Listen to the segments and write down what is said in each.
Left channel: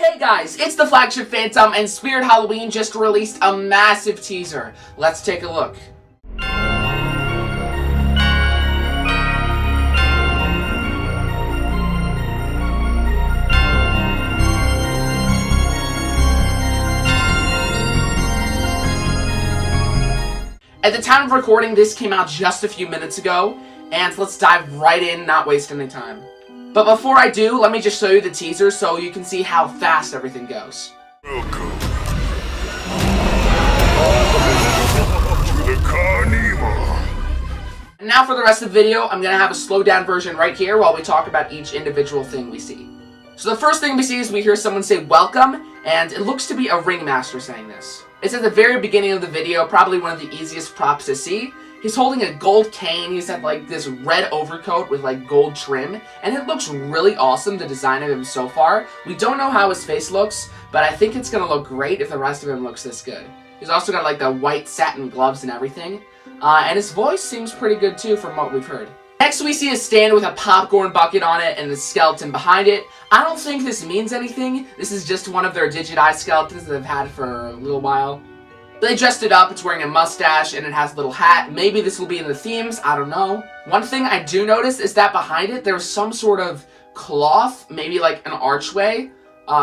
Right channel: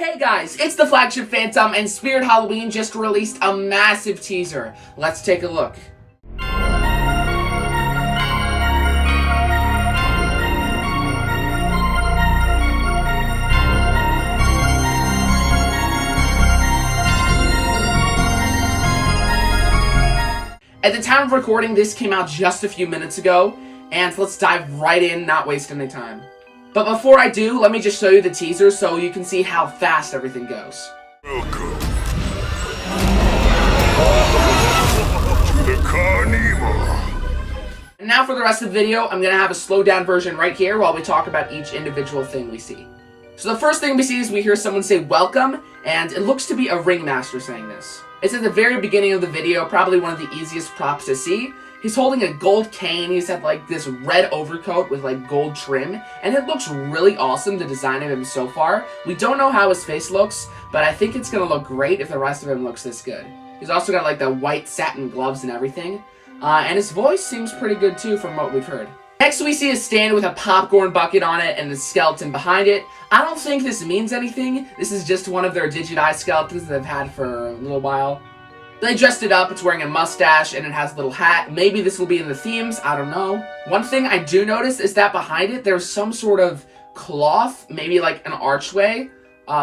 Hey guys, it's the Flagship Phantom, and Spirit Halloween just released a massive teaser. Let's take a look. At the time of recording, this came out just a few minutes ago, and let's dive right in, not waste any time. But before I do, let me just show you the teaser so you can see how fast everything goes. Welcome to the Carnevil. And now for the rest of the video, I'm going to have a slowed down version right here while we talk about each individual thing we see. So the first thing we see is we hear someone say welcome, and it looks to be a ringmaster saying this. It's at the very beginning of the video, probably one of the easiest props to see. He's holding a gold cane. He's had like this red overcoat with like gold trim, and it looks really awesome, the design of him so far. We don't know how his face looks, but I think it's gonna look great if the rest of him looks this good. He's also got like the white satin gloves and everything, and his voice seems pretty good too from what we've heard. Next we see a stand with a popcorn bucket on it and a skeleton behind it. I don't think this means anything. This is just one of their digitized skeletons that they've had for a little while. They dressed it up, it's wearing a mustache, and it has a little hat. Maybe this will be in the themes, I don't know. One thing I do notice is that behind it, there's some sort of cloth, maybe like an archway,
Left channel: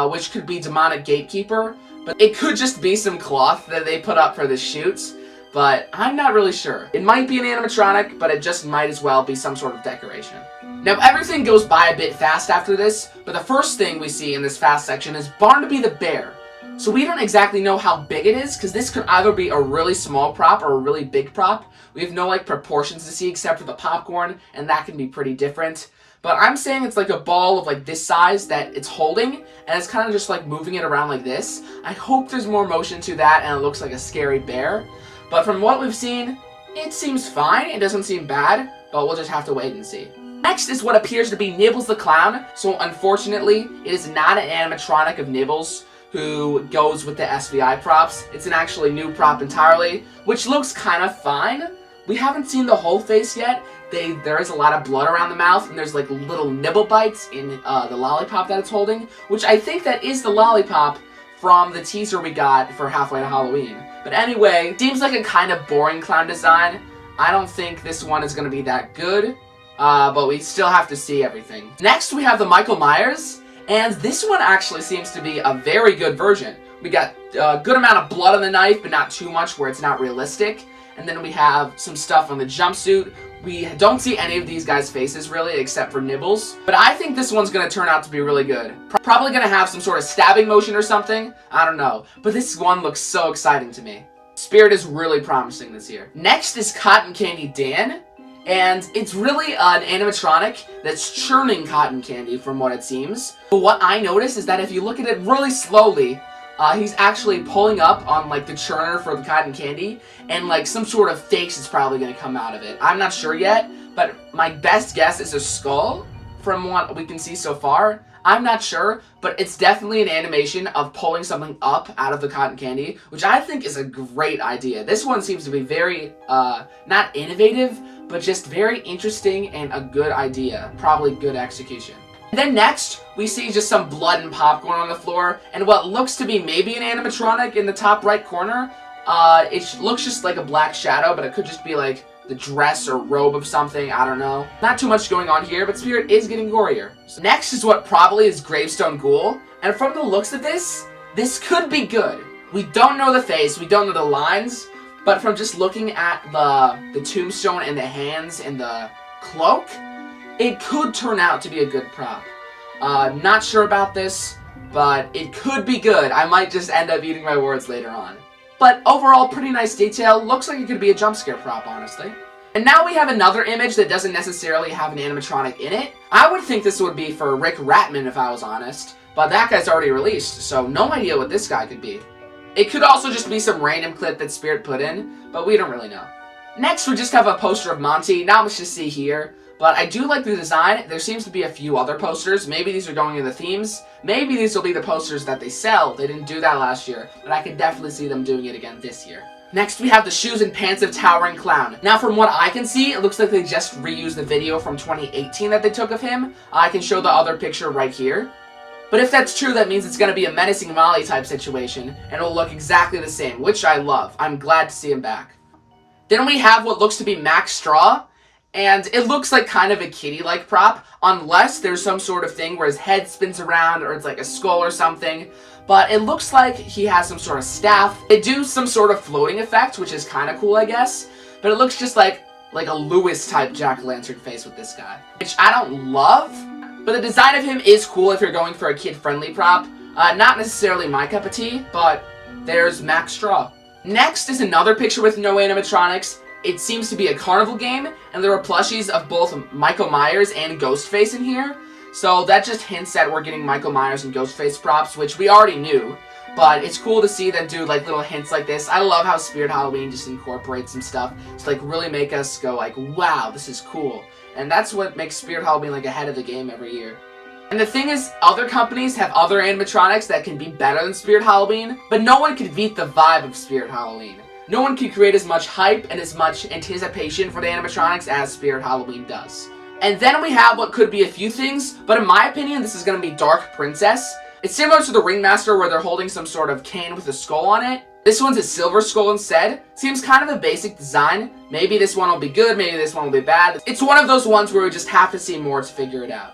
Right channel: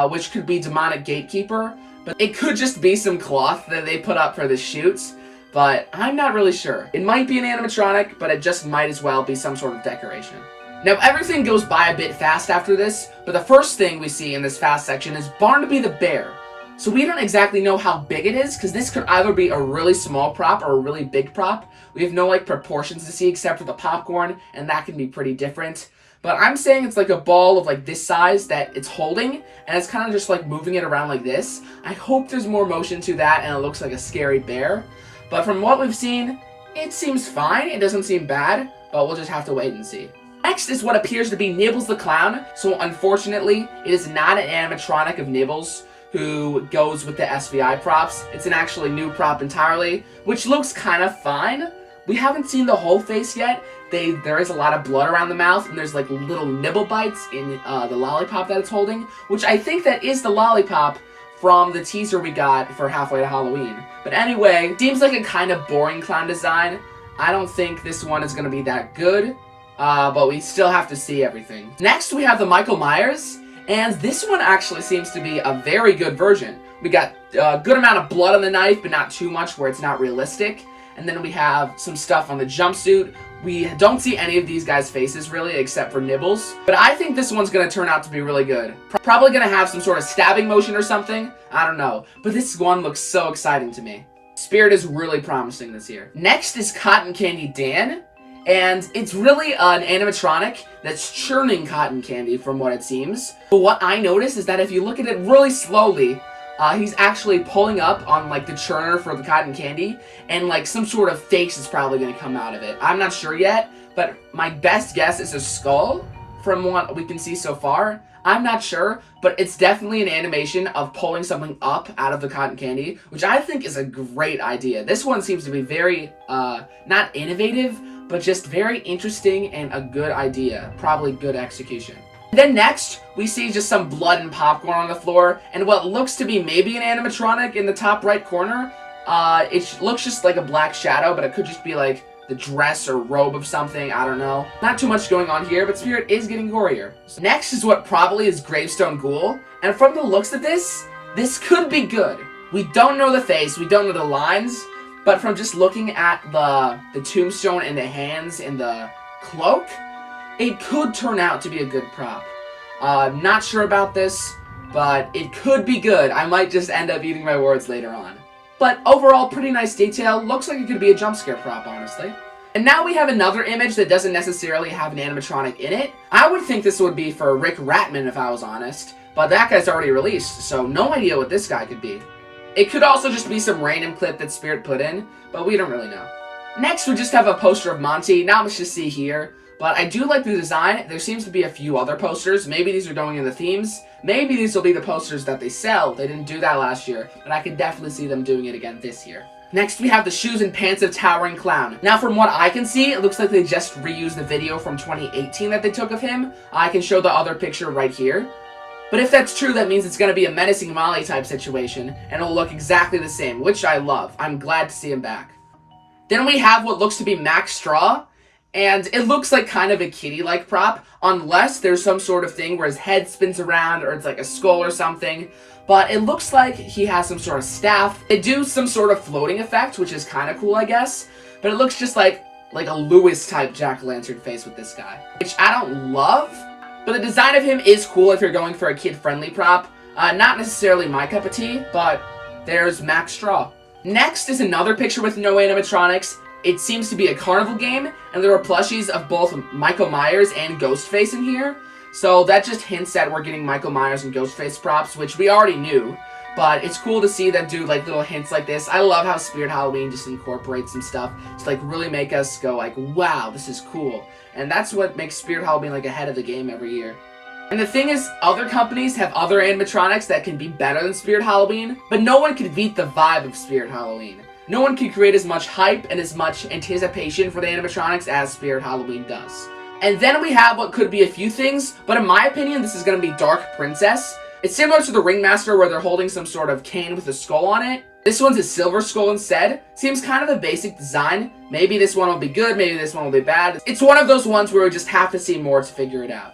which could be demonic gatekeeper, but it could just be some cloth that they put up for the shoots, but I'm not really sure. It might be an animatronic, but it just might as well be some sort of decoration. Now, everything goes by a bit fast after this, but the first thing we see in this fast section is Barnaby the bear. So we don't exactly know how big it is, because this could either be a really small prop or a really big prop. We have no like proportions to see except for the popcorn, and that can be pretty different. But I'm saying it's like a ball of like this size that it's holding, and it's kind of just like moving it around like this. I hope there's more motion to that and it looks like a scary bear. But from what we've seen, it seems fine. It doesn't seem bad, but we'll just have to wait and see. Next is what appears to be Nibbles the Clown. So unfortunately, it is not an animatronic of Nibbles, who goes with the SVI props. It's an actually new prop entirely, which looks kind of fine. We haven't seen the whole face yet. There is a lot of blood around the mouth, and there's like little nibble bites in the lollipop that it's holding, which I think that is the lollipop from the teaser we got for Halfway to Halloween. But anyway, seems like a kind of boring clown design. I don't think this one is going to be that good, but we still have to see everything. Next, we have the Michael Myers. And this one actually seems to be a very good version. We got a good amount of blood on the knife, but not too much where it's not realistic. And then we have some stuff on the jumpsuit. We don't see any of these guys' faces really, except for Nibbles. But I think this one's going to turn out to be really good. Probably going to have some sort of stabbing motion or something. I don't know. But this one looks so exciting to me. Spirit is really promising this year. Next is Cotton Candy Dan. And it's really an animatronic that's churning cotton candy from what it seems. But what I noticed is that if you look at it really slowly, he's actually pulling up on like the churner for the cotton candy, and like some sort of face is probably going to come out of it. I'm not sure yet, but my best guess is a skull from what we can see so far. I'm not sure, but it's definitely an animation of pulling something up out of the cotton candy, which I think is a great idea. This one seems to be very, not innovative, but just very interesting and a good idea. Probably good execution. Then next, we see just some blood and popcorn on the floor, and what looks to be maybe an animatronic in the top right corner. It looks just like a black shadow, but it could just be like the dress or robe of something, I don't know. Not too much going on here, but Spirit is getting gorier. So next is what probably is Gravestone Ghoul, and from the looks of this could be good. We don't know the face, we don't know the lines, but from just looking at the tombstone and the hands and the cloak, it could turn out to be a good prop. Not sure about this, but it could be good. I might just end up eating my words later on. But overall, pretty nice detail. Looks like it could be a jump scare prop, honestly. And now we have another image that doesn't necessarily have an animatronic in it. I would think this would be for Rick Ratman if I was honest, but that guy's already released, so no idea what this guy could be. It could also just be some random clip that Spirit put in, but we don't really know. Next, we just have a poster of Monty. Not much to see here, but I do like the design. There seems to be a few other posters. Maybe these are going in the themes. Maybe these will be the posters that they sell. They didn't do that last year, but I could definitely see them doing it again this year. Next, we have the shoes and pants of Towering Clown. Now, from what I can see, it looks like they just reused the video from 2018 that they took of him. I can show the other picture right here. But if that's true, that means it's going to be a menacing Molly type situation, and it'll look exactly the same, which I love. I'm glad to see him back. Then we have what looks to be Max Straw, and it looks like kind of a kitty-like prop, unless there's some sort of thing where his head spins around, or it's like a skull or something. But it looks like he has some sort of staff. They do some sort of floating effect, which is kind of cool, I guess. But it looks just like a Lewis-type jack-o'-lantern face with this guy, which I don't love. But the design of him is cool if you're going for a kid-friendly prop. Not necessarily my cup of tea, but there's Max Straw. Next is another picture with no animatronics. It seems to be a Carnival game, and there are plushies of both Michael Myers and Ghostface in here. So that just hints that we're getting Michael Myers and Ghostface props, which we already knew. But it's cool to see them do like little hints like this. I love how Spirit Halloween just incorporates some stuff to like really make us go like, wow, this is cool. And that's what makes Spirit Halloween like ahead of the game every year. And the thing is, other companies have other animatronics that can be better than Spirit Halloween, but no one can beat the vibe of Spirit Halloween. No one can create as much hype and as much anticipation for the animatronics as Spirit Halloween does. And then we have what could be a few things, but in my opinion, this is going to be Dark Princess. It's similar to the Ringmaster where they're holding some sort of cane with a skull on it. This one's a silver skull instead. Seems kind of a basic design. Maybe this one will be good, maybe this one will be bad. It's one of those ones where we just have to see more to figure it out.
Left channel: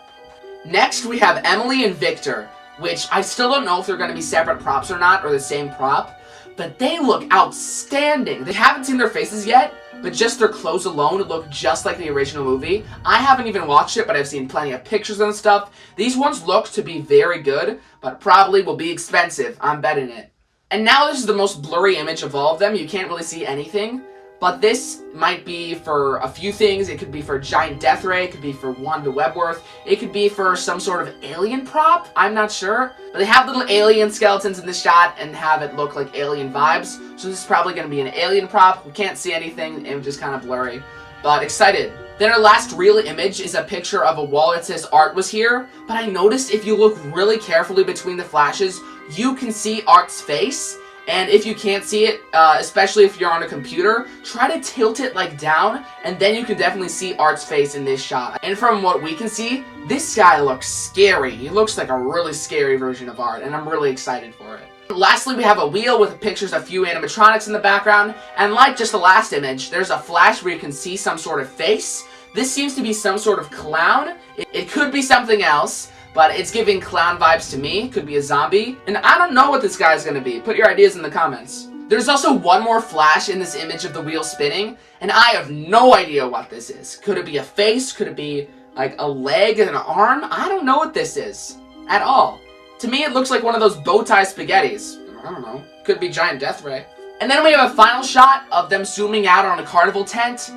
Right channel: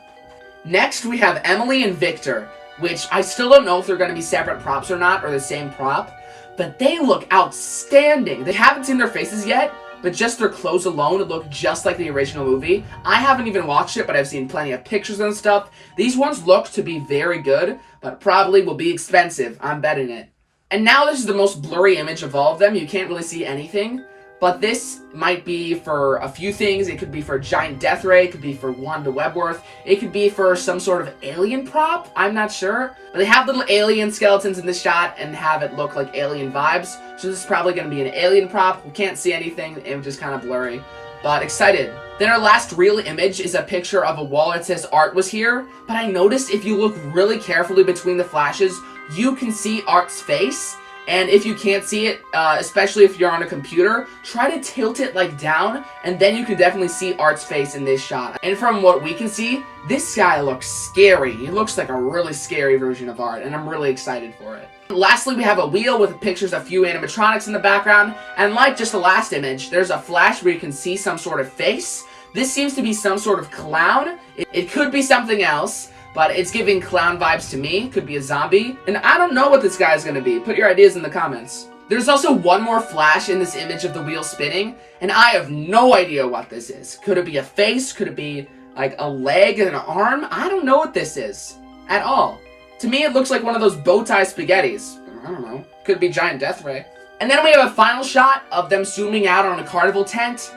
Next, we have Emily and Victor, which I still don't know if they're going to be separate props or not, or the same prop, but they look outstanding. They haven't seen their faces yet, but just their clothes alone look just like the original movie. I haven't even watched it, but I've seen plenty of pictures and stuff. These ones look to be very good, but probably will be expensive. I'm betting it. And now this is the most blurry image of all of them. You can't really see anything. But this might be for a few things. It could be for a giant death ray. It could be for Wanda Webworth. It could be for some sort of alien prop. I'm not sure. But they have little alien skeletons in the shot and have it look like alien vibes. So this is probably going to be an alien prop. We can't see anything. It was just kind of blurry. But excited. Then our last real image is a picture of a wall that says Art was here. But I noticed if you look really carefully between the flashes, you can see Art's face. And if you can't see it, especially if you're on a computer, try to tilt it like down, and then you can definitely see Art's face in this shot. And from what we can see, this guy looks scary. He looks like a really scary version of Art, and I'm really excited for it. Lastly, we have a wheel with pictures of a few animatronics in the background, and like just the last image, there's a flash where you can see some sort of face. This seems to be some sort of clown. It could be something else, but it's giving clown vibes to me. Could be a zombie. And I don't know what this guy's gonna be. Put your ideas in the comments. There's also one more flash in this image of the wheel spinning, and I have no idea what this is. Could it be a face? Could it be like a leg and an arm? I don't know what this is at all. To me, it looks like one of those bow tie spaghettis. I don't know. Could be giant death ray. And then we have a final shot of them zooming out on a carnival tent.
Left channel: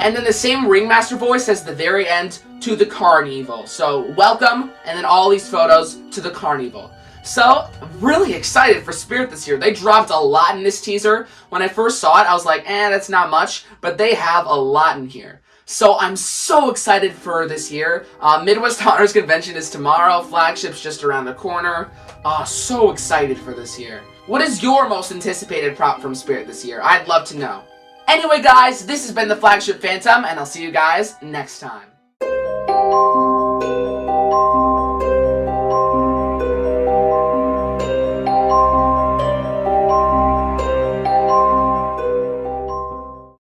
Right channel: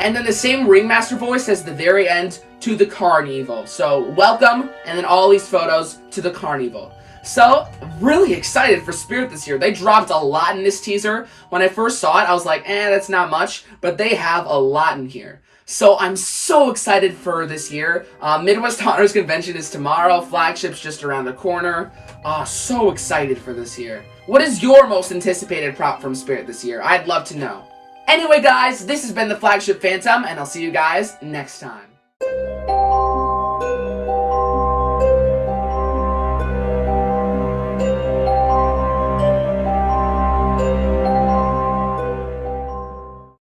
And then the same Ringmaster voice as the very end to the Carnevil. So welcome, and then all these photos to the Carnevil. So really excited for Spirit this year. They dropped a lot in this teaser. When I first saw it, I was like, that's not much, but they have a lot in here. So I'm so excited for this year. Midwest Honors Convention is tomorrow. Flagship's just around the corner. So excited for this year. What is your most anticipated prop from Spirit this year? I'd love to know. Anyway, guys, this has been the Flagship Phantom, and I'll see you guys next time.